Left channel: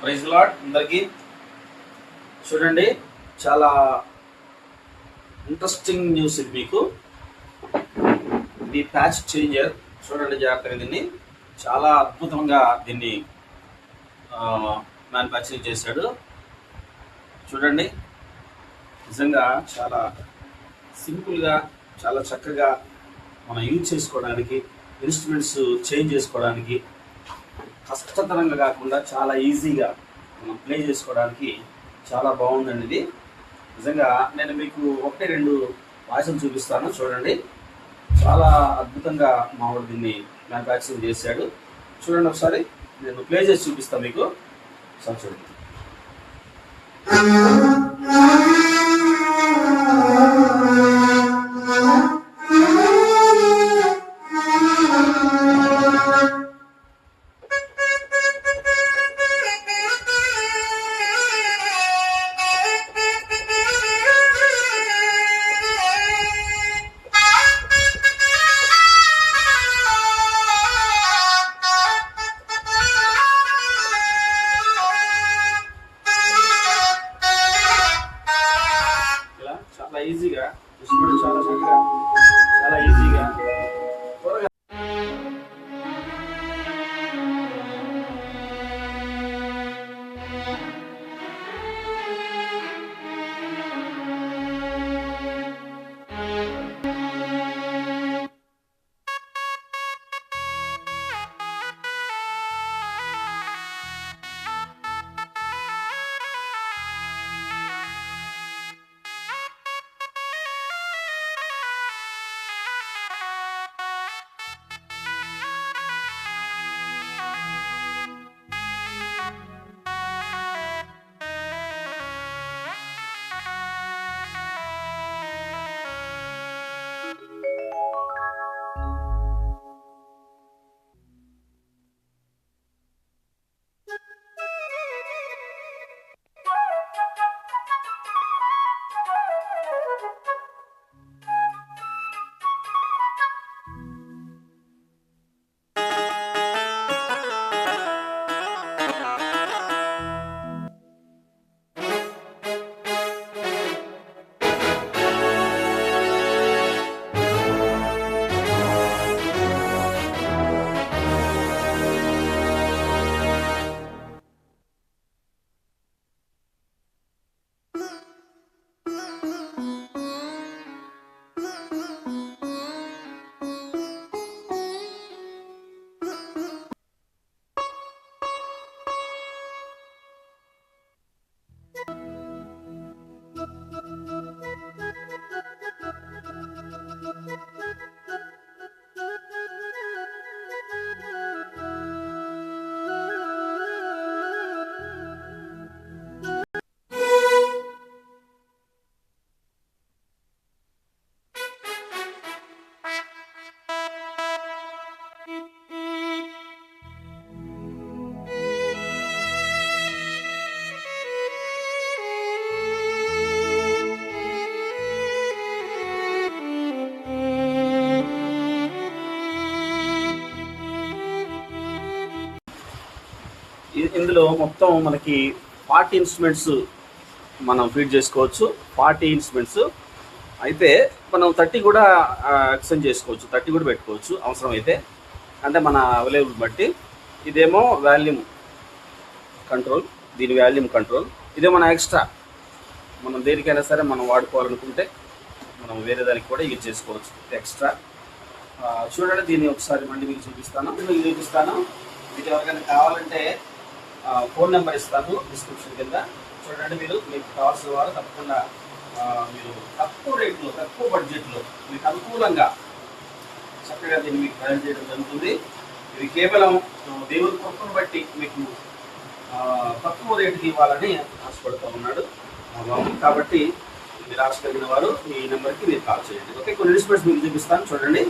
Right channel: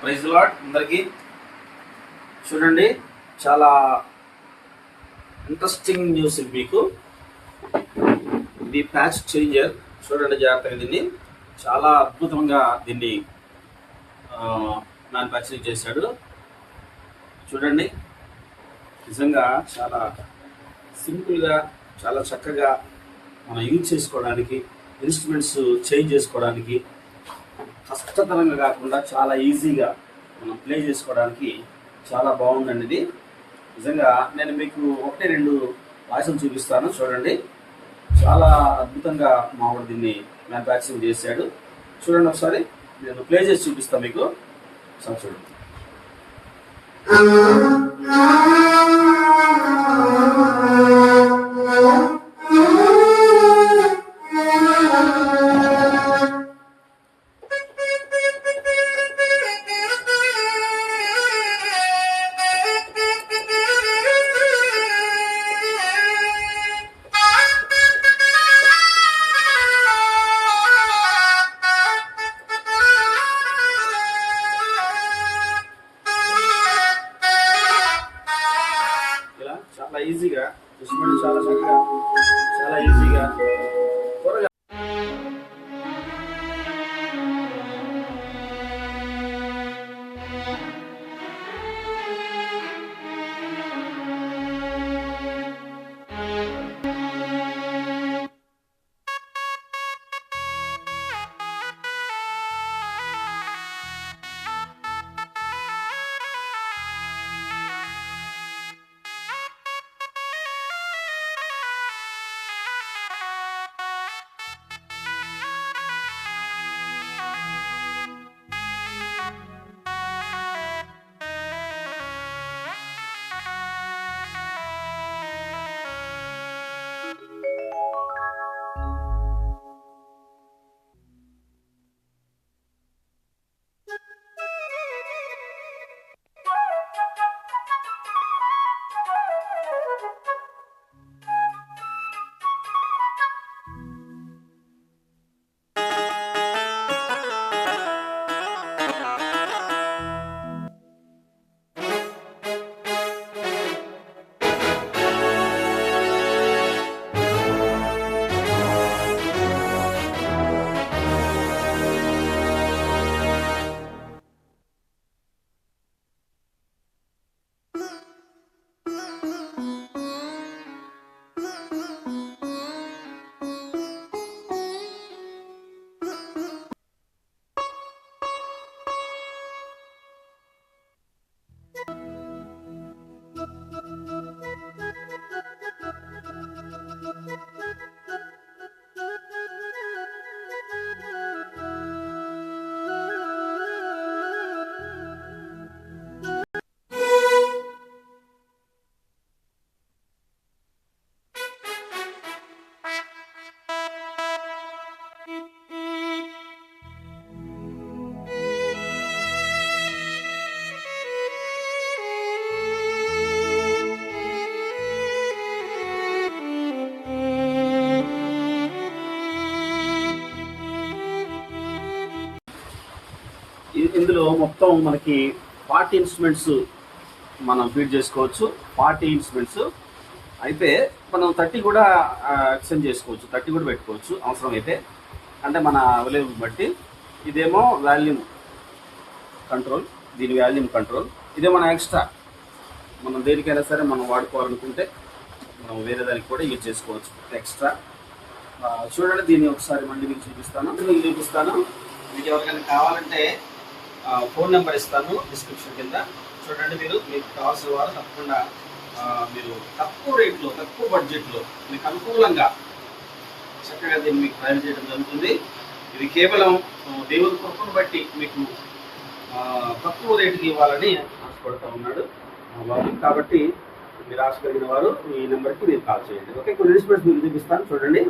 Praise lord అందరికీ. చూడండి, చాలా ఇంట్రెస్టింగ్ న్యూస్ ఇది మీకు. ఇది ప్యాచ్ చేంజర్. చూడండి జాగ్రత్తగా, దీన్ని చాలా అద్భుతంగా దీన్ని మ్యానుఫ్యాక్చరింగ్ చేశాడు. చూడండి, నిజంగా చాలా సింపుల్గా, చాలా చక్కగా మనం యూజ్ చేసుకోవడానికి, ఇన్స్ట్రుమెంట్స్ చేంజ్ చేసుకోవడానికి కష్టతరంగా కాకుండా చాలా ఈజీగా మనం ప్లే చేసుకోవడానికి చాలా బాగుందండి ఇది. నిజంగా నేను మీకు 1-2 వాయిస్లు చూపిస్తాను. చూడండి, చాలా అద్భుతంగా మావాడు దీన్ని మ్యానుఫ్యాక్చరింగ్ చేశాడు. చూడండి, ఒకసారి నేను ప్లే చేసి చూపిస్తాను మీకు. ఒకసారి చూడండి. చాలా ఈజీగా, చాలా చక్కగా, చాలా ఈజీగా త్వరగా ఇందులో మొత్తం మనకి 40 ఇన్స్ట్రుమెంట్స్ మనం ఫీడ్ చేసుకోవచ్చు. 40 ఇన్స్ట్రుమెంట్స్ అయితే మనం 30 కూడా ఎక్స్టెండ్ చేసుకోవచ్చు, 30 కూడా పెట్టుకోవచ్చు అవసరం అయితే, అంటే మన అవైలబుల్ బట్టి. ఇదేమో వాల్యూమ్ కంట్రోల్, దీని వాల్యూమ్ కంట్రోల్. ఇదే మన ఎక్స్ట్రా, మనం దేనికైనా సరే మనం వాడుకోవాలనుకుంటే మనం వేరే దానికి కూడా యూజ్ చేసుకోవచ్చు ఎక్స్ట్రా. చూడండి, దీన్ని ఒకసారి మళ్ళీ మీకు చూపిస్తాను. మీకు ఎవరికైనా కావాలంటే ఫోన్ నెంబర్ ఇస్తాను డిస్క్రిప్షన్ కింద. చూడండి, మీకు కావాల్సిన వారు తప్పకుండా మీరు తక్కువ రేట్లో, తక్కువ బడ్జెట్లో మీకు అనుకూలంగా చక్కగా దీన్ని మీకు ప్రొవైడ్ చేయడం జరుగుతుంది. ఇది కేవలం దేవుని కృపను బట్టి మీకు తక్కువ రేటుకి ఇవ్వాలని ఆశపడుతూ ఉన్నాడు కాబట్టి మీరు ఆశ కలిగిన వారు ఈ నెంబర్కి మీరు కాల్ చేయండి. ఓకే, కొన్ని ఇన్స్ట్రుమెంట్స్ మీకు చూపిస్తాను. చూడండి.